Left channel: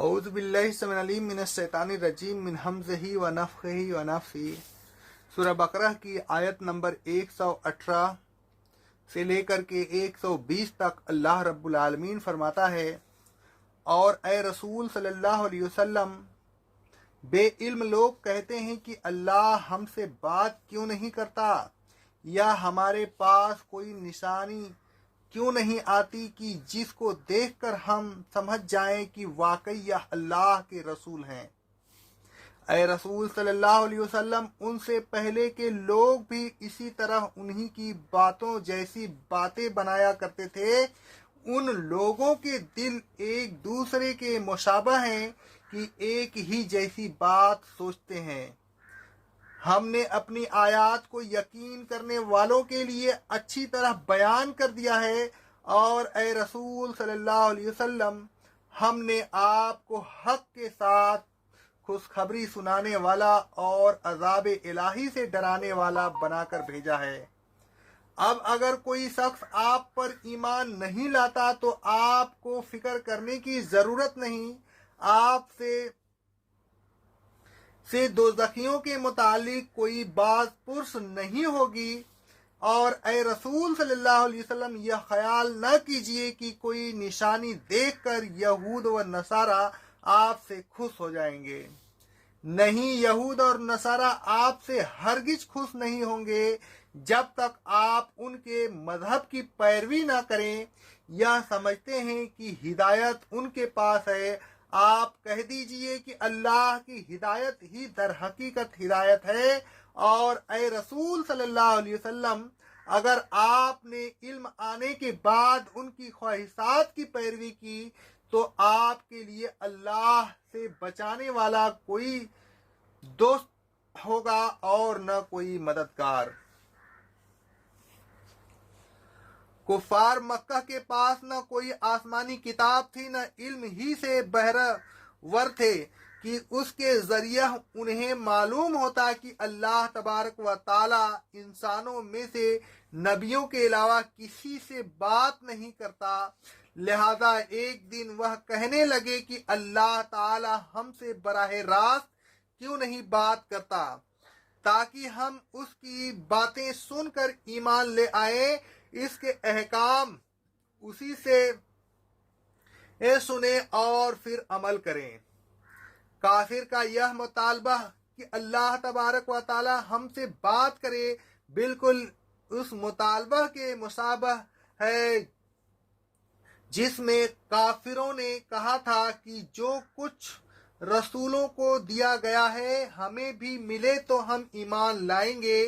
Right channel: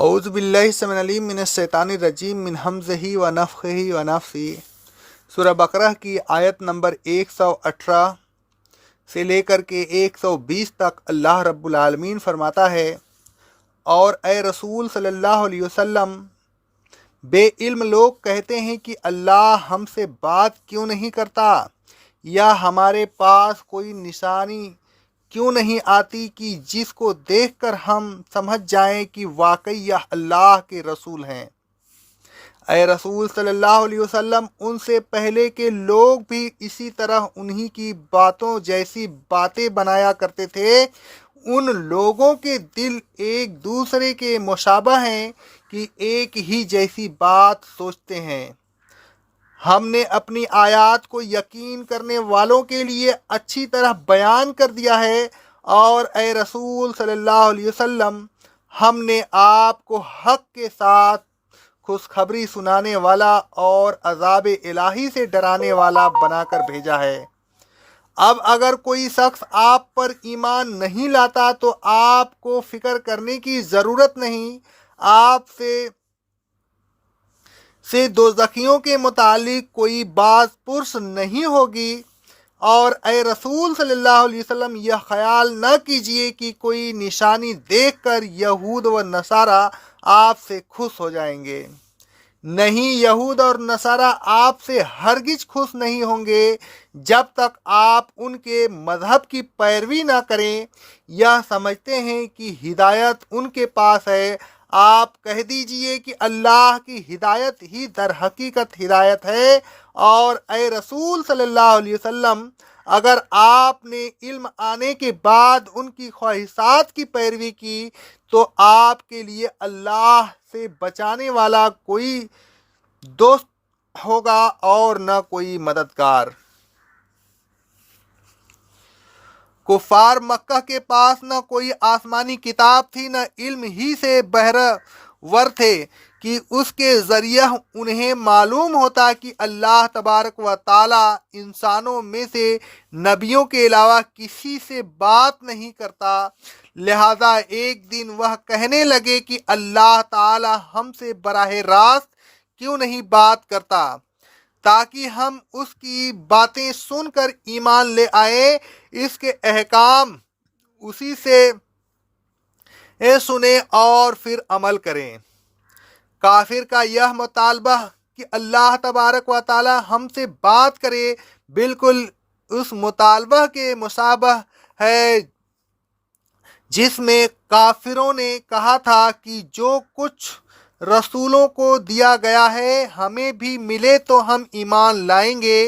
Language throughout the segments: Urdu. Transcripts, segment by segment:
اعوذ باللہ السمیع العلیم من الشیطان الرجیم من ہمزہ ونفخہ ونفثہ۔ سورہ بقرہ کی آیت نمبر 118 سے لے کر کے 120 تک اللہ رب العالمین فرماتا ہے، اور اے رسول صلی اللہ علیہ وسلم، بے علم لوگ کہتے ہیں کہ اللہ ہم سے بات کیوں نہیں کرتا، یا ہمارے پاس کوئی نشانی کیوں نہیں آتی کہ جس کو دیکھ کر ہم سمجھ جائیں کہ واقعی یہ اللہ کے رسول ہیں۔ اے رسول صلی اللہ علیہ وسلم، ان سے پہلے کے لوگ بھی اسی طرح انہی کی باتوں جیسی باتیں بنایا کرتے تھے۔ ان لوگوں کے دل ایک دوسرے کے مشابہ ہیں کہ ایک ہی جیسی بات سوچتے ہیں۔ ہم نے اپنی آیات کو یقین کرنے والوں کے لیے اچھی طرح بیان کر دیا ہے، اور اے رسول صلی اللہ علیہ وسلم، ہم نے آپ کو حق کے ساتھ خوشخبری سنانے والا اور عذاب الہی سے ڈرانے والا بنا کر بھیجا ہے۔ اب اگر کوئی شخص آپ پر ایمان نہیں لاتا تو آپ کو فکر کرنے کی ضرورت نہیں، آپ سے دوزخیوں کے متعلق کوئی باز پرس نہیں ہوگی۔ اور اے رسول صلی اللہ علیہ وسلم، یہ خیال نہ کیجئے کہ کوئی نشانی دیکھ کر یہود و نصارہ آپ سے خوش ہو جائیں گے۔ نہیں، یہود اور نصارہ آپ سے ہرگز خوش نہیں ہوں گے جب تک آپ ان کے مذہب کی پیروی نہ کریں۔ یہ سمجھتے ہیں کہ ہدایت ان کے پاس ہے۔ آپ کہہ دیجئے کہ اللہ کی ہدایت ہی در حقیقت ہدایت ہے، اور اے رسول صلی اللہ علیہ وسلم، اگر آپ نے علم آنے کے بعد ان کی خواہشات کی پیروی کی تو آپ کے لیے اللہ سے بچانے والا کوئی دوست ہوگا اور نہ کوئی مددگار۔ کفار مکہ کے پاس نہ کوئی آسمانی کتاب تھی، نہ علم ہی سے بہرہ ور تھے کہ اس کے ذریعہ انہیں معلوم ہوتا کہ اللہ تبارک و تعالی انسانوں میں سے نبیوں کے علاوہ کسی سے بات نہیں کرتا۔ لہذا ایک دن وہ کہنے لگے کہ اللہ تعالی ہم سے براہ راست کیوں نہیں بات کرتا، تاکہ ہم اس کی باتیں سن کر ایمان لے آئیں، اس کے احکام اسی سے سنیں اور پھر عمل کریں۔ کافر کا یہ مطالبہ کہ اللہ تبارک و تعالی ہم سے بات کرے بالکل اس مطالبہ کے مشابہ ہے جس میں کافروں نے کہا تھا کہ جو کچھ رسولوں کو دیا گیا ہے ہمیں بھی ملے تو ہم ایمان لائیں گے۔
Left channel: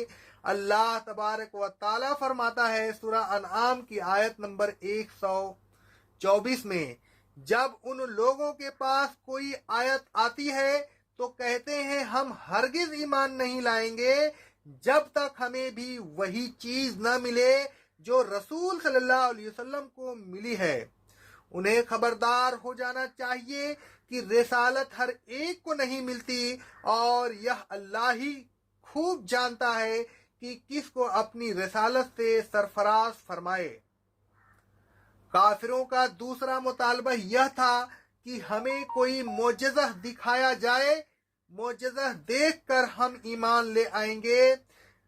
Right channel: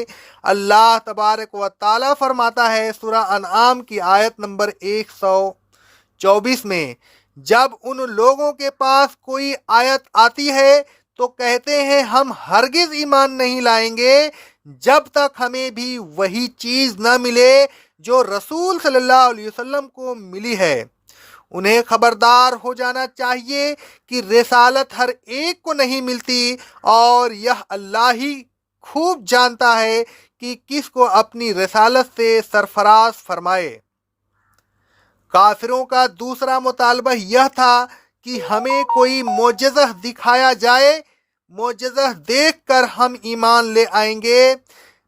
اللہ تبارک و تعالی فرماتا ہے سورہ انعام کی آیت نمبر 124 میں، جب ان لوگوں کے پاس کوئی آیت آتی ہے تو کہتے ہیں ہم ہرگز ایمان نہیں لائیں گے جب تک ہمیں بھی وہی چیز نہ ملے جو رسول صلی اللہ علیہ وسلم کو ملی ہے۔ انہیں خبردار ہو جانا چاہیے کہ رسالت ہر ایک کو نہیں ملتی، اور یہ اللہ ہی خوب جانتا ہے کہ کس کو اپنی رسالت سے سرفراز فرمائے۔ کافروں کا دوسرا مطالبہ یہ تھا کہ ہمیں کوئی معجزہ دکھایا جائے، معجزہ دیکھ کر ہم ایمان لے آئیں گے۔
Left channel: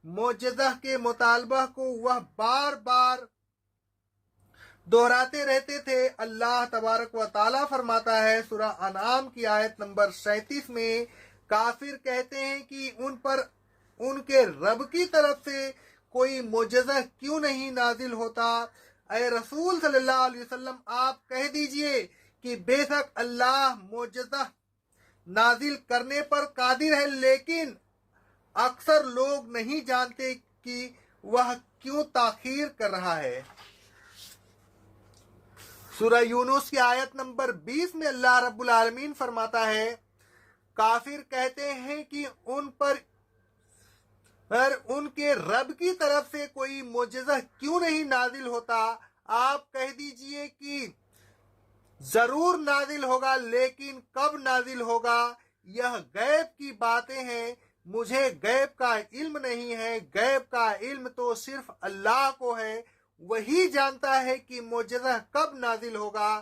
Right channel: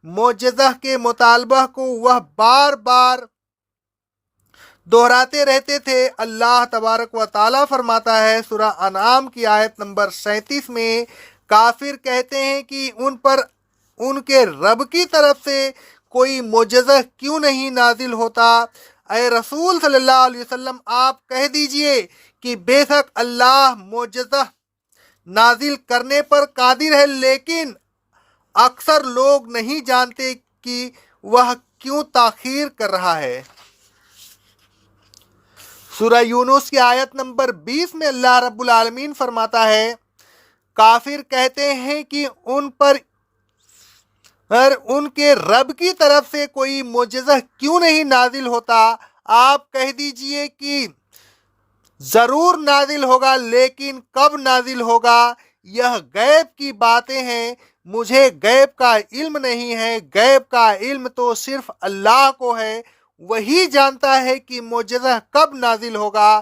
معجزہ کے مطالبہ کو وہ بار بار دہراتے رہتے تھے۔ اللہ تبارک و تعالی فرماتا ہے سورہ انعام کی آیت نمبر 37 میں، کافر کہتے ہیں کہ ان پر ان کے رب کی طرف سے کوئی معجزہ کیوں نہیں نازل ہوتا۔ اے رسول صلی اللہ علیہ وسلم، آپ کہہ دیجئے کہ بے شک اللہ معجزہ نازل کرنے پر قادر ہے، لیکن اکثر لوگ نہیں جانتے کہ وہ کیوں تاخیر کر رہا ہے۔ سورہ یونس کی آیت نمبر 20 میں اللہ رب العالمین فرماتا ہے، کافر کہتے ہیں کہ ان پر ان کے رب کی طرف سے کوئی معجزہ کیوں نہیں نازل ہوتا۔ آپ کہہ دیجئے کہ ضرور نازل ہوگا، لیکن کب نازل ہوگا یہ غیب کی باتیں ہیں، مجھے غیب کا علم نہیں ہے، غیب کا علم تو صرف اللہ کو ہے، وہی جانتا ہے کہ معجزہ کب نازل ہوگا۔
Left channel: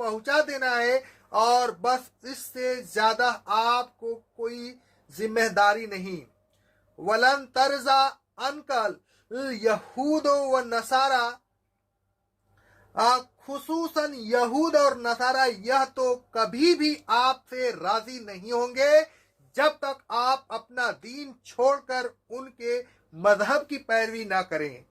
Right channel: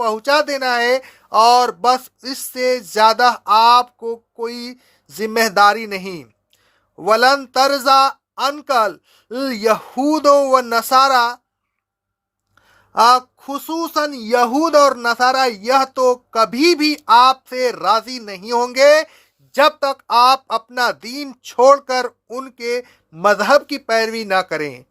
پہنچا دینا ہے، اور بس اس سے زیادہ آپ کو کوئی ذمہ داری نہیں۔ ولن ترضا عنکل یہود و نصارا، خصوصاً یہود اور نصارہ یہ تو کبھی بھی آپ سے راضی نہیں ہوں گے جب تک آپ اپنا دین چھوڑ کر ان کے مذہب کی پیروی نہ کریں۔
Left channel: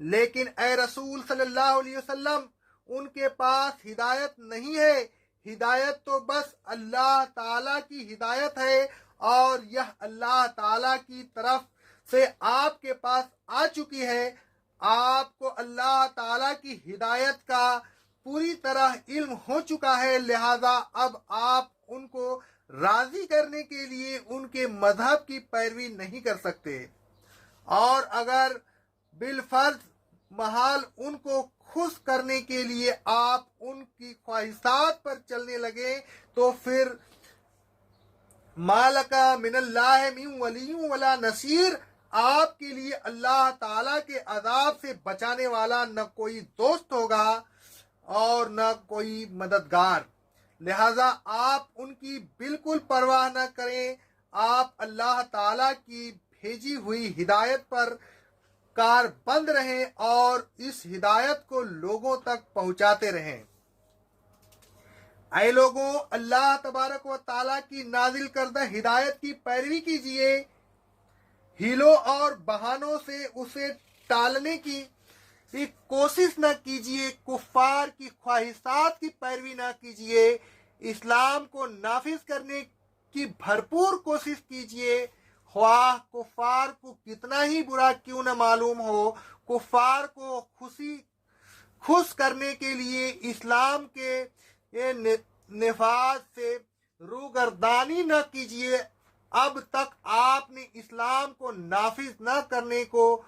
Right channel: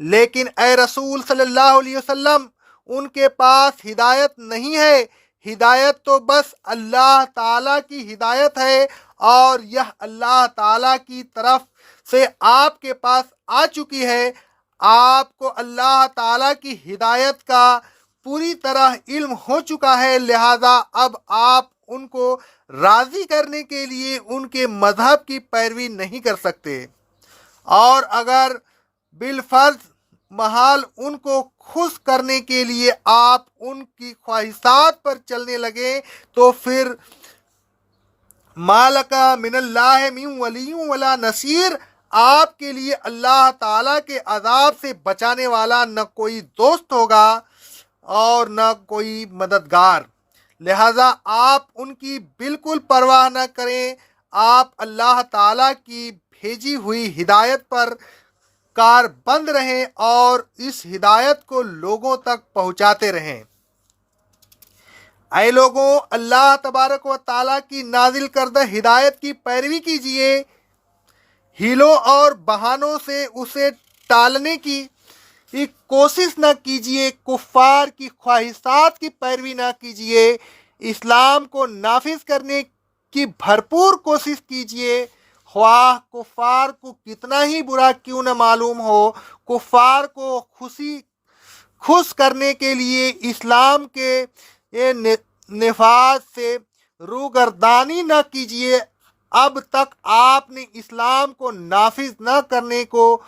لیکن اے رسول صلی اللہ علیہ وسلم، ان کے پاس ہدایت نہیں ہے، ہدایت تو بس اللہ تعالیٰ کی ہدایت ہے، اور یہ اللہ تعالیٰ کی طرف سے آپ کے پاس آ چکی ہے۔ آپ کو اللہ تعالیٰ کی ہدایت کا پوری طرح علم ہو چکا ہے، لہذا اب آپ ان کو راضی کرنے کے لیے ان کے مذہب کی پیروی نہیں کر سکتے، اور اگر بالفرض محال ان کو خوش کرنے کے لیے آپ ان کی خواہشات پر چلنے لگے تو پھر مالکا من اللہ من ولی ولا نصیر، آپ کے لیے اللہ تعالیٰ کے عذاب سے بچانے والا نہ کوئی دوست ہوگا اور نہ کوئی مددگار۔ لہذا آپ ان کی بالکل پرواہ نہ کریں، آپ اللہ تعالیٰ کی بھیجی ہوئی ہدایت پر کار بند رہیں اور اس ہدایت کو لوگوں تک پہنچاتے رہیں۔ اے لوگوں، اللہ تبارک و تعالیٰ کی نازل کردہ ہدایت کی پیروی کیجیے، ہیلوں اور بہانوں سے اسے ٹالنے کی کوشش نہ کیجیے، کفار کی خواہشات کی پیروی نہ کیجیے، اسلام کو نافذ کرنے کی بھرپور کوشش کیجیے، خواہ کفار کو کتنا ہی برا کیوں نہ معلوم ہو۔ کفار کو خوش کرنے کے لیے اسلام کے نفاذ سے روگردانی نہ کیجیے۔ اب تک آپ نے اسلام کو نافذ نہ کرنے کو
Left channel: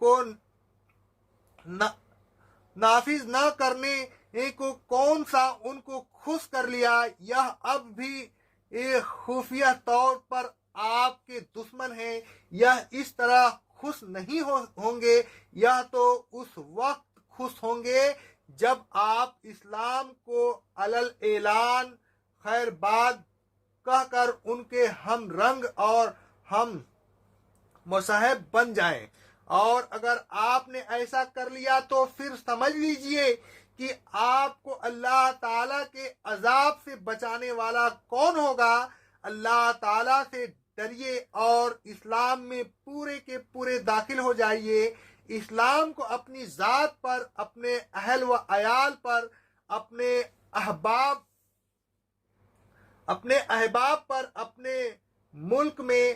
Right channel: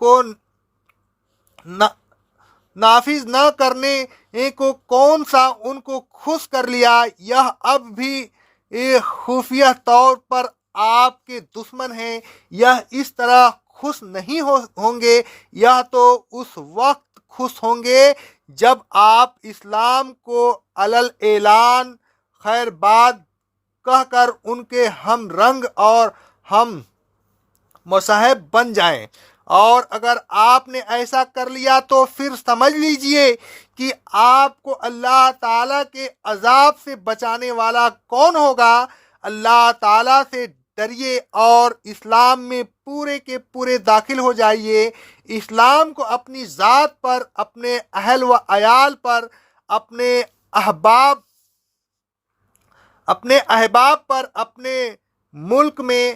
کون سا ان کو خوش کر لیا؟ یہ اب بھی خفیہ طور پر آپ کے دشمن ہیں، یہ اس طرح خوش نہیں ہوں گے، یہ تو اس وقت خوش ہوں گے جب آپ اسلام کو علل اعلان خیر باد کہہ کر ان کے ہم رنگ اور ہم مصاحب بن جائیں، اور اگر آپ نے ایسا کر لیا تو پھر سمجھ لیجئے کہ آپ کو اللہ تعالیٰ کے عذاب سے بچانے والا کون ہوگا۔ اللہ تعالیٰ سے ڈریے اور اسلام میں پورے کے پورے داخل ہو جائیے۔ اسلام کو اپنی ذات پر، اپنے اہل و عیال پر، اپنے احباب پر، اپنے ملک میں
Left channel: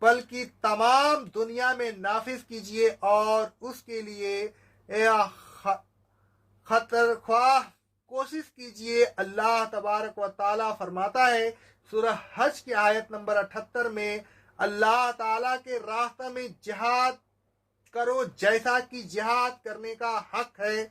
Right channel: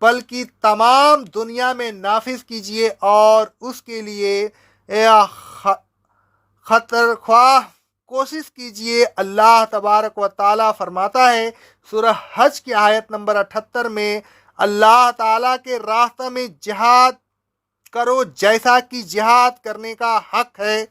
بلکہ تمام دنیا میں نافذ کیجیے، اور اس کے لیے خطر خواہ کوشش کیجیے۔ اللہ تبارک و تعالیٰ فرماتا ہے سورہ حج کی آیت نمبر 78 میں، اللہ تعالیٰ کے راستہ میں جہاد کرو جیسا کہ جہاد کرنے کا حق ہے۔